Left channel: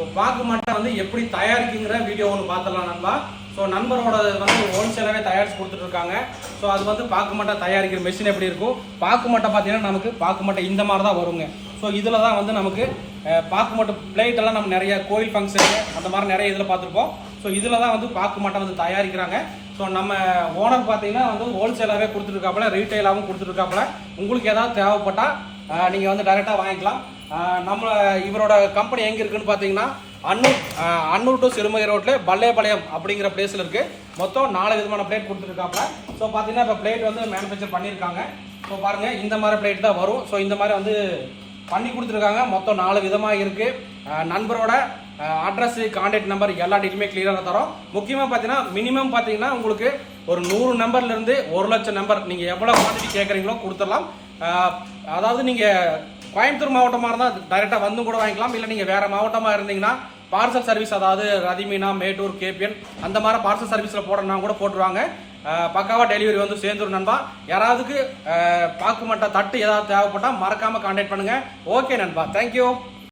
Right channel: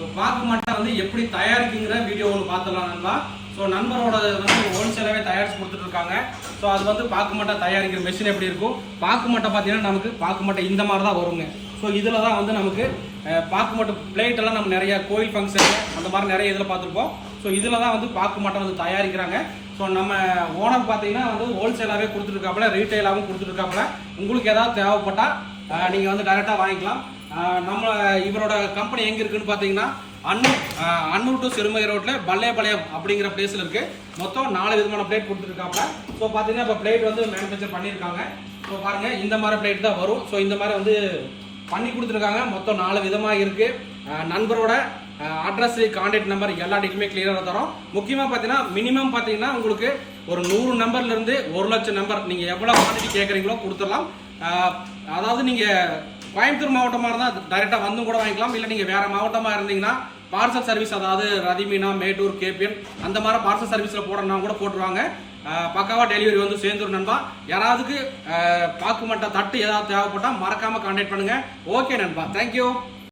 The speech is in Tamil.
ஸோ பாக்கு மட்டை வந்து எப்படி தயாரிக்குங்கிற வீடியோ ஒன்று பார்த்துடலாம் நண்பா. ஸோ நண்பரோட வந்து ஹோல்சேலாகவே தயாரித்து கொடுத்துட்ருக்காங்க. ஸோ அது வந்து பாக்கு மட்டை தயாரிக்கிற மிஷின் எப்படி இருக்கும்? பாக்கு மட்டை பார்த்தீங்கன்னா நமக்கு பாக்கு மட்டை இந்த மாதிரி தான் வருங்க. ஸோ இதில் தான் வந்து நமக்கு அஹ், பாக்கு மட்டை பிளேட் எல்லாம் நம்ம நிறைய கோயில் ஃபங்க்ஷன் அந்த மாதிரி நிறைய இதில் பார்த்துருப்போம். ஸோ இதில் தான் வந்து பாக்கு மட்டை வந்து தயாரிக்கிறாங்க. ஸோ நம்ம ஓனர் பார்த்தீங்கன்னா வந்து ஹோல்சேலாகவே கொடுத்துருக்காப்புல ரீட்டைலாகவும் கொடுத்துருக்காப்புல உங்களுக்கு ஏதாவது தேவைப்பட்டால் நீங்கள் வந்து டைரெக்டாக வாங்கிக்கலாம். நம்ம இவரோட கம்பெனி எங்கே இருக்குன்னு பார்த்தீங்கன்னா அன்னூர் அன்னூர் டு சிறுமகை ரோட்டில் பல்லேபாளையம் அப்படிங்கிற பிளேஸில் இருக்குது மொத்தம் நாலு விதமான பிளேட் கொடுத்துருக்காப்புல ஸோ பார்த்தீங்கன்னா இப்போ பிளேட் வந்து மேனுஃபேக்சர் பண்ணியிருக்காங்க. ஸோ பாருங்கள் இந்த மாதிரி பிளேட் தான் வரும். ஸோ இந்த மாதிரி வந்து பண்ணி கொடுத்துருக்காங்க. மொத்தம் நாலு விதமாக இருக்குது நண்பரோட அட்ரஸ் கான்டாக்ட் நம்பர் எல்லா டீட்டெயிலுமே கிளியராக தரோம். முக்கியமாக பார்த்தீங்கன்னா மினிமம் பார்த்தீங்கன்னா உங்களுக்கு ஒரு நூறு நம்பர்லேருந்து ஒரு லட்சம் நம்பர் நீங்கள் எவ்வளோ குவான்டிட்டி கேட்குறீங்களோ கொடுத்துடலாம். அதாவது நீங்கள் கோயம்புத்தூர் மாவட்டமாக இருந்தால் டைரெக்டாக வந்தும் கூட வாங்கிக்கலாம். இல்லை நீங்கள் வேறு மாவட்டமாக இருந்தீங்கன்னா பார்சல் சர்வீஸ் அதாவது ரதிமீனா மேட்டூர் கேபிஎன் அந்த மாதிரி பார்சல் சர்வீஸில் போடணும்னா கூட போட்டுருவாங்க. பக்காவாக டெலிவரி வந்து சேர்ந்துரும் நண்பா. யாராவதுக்கு அஹ், பாக்கு தட்டு ஏதாவது தேவைப்பட்டால் மறக்காமல் கான்டாக்ட் பண்ணுங்கள் ஓகே நண்பா. தேங்க்யூ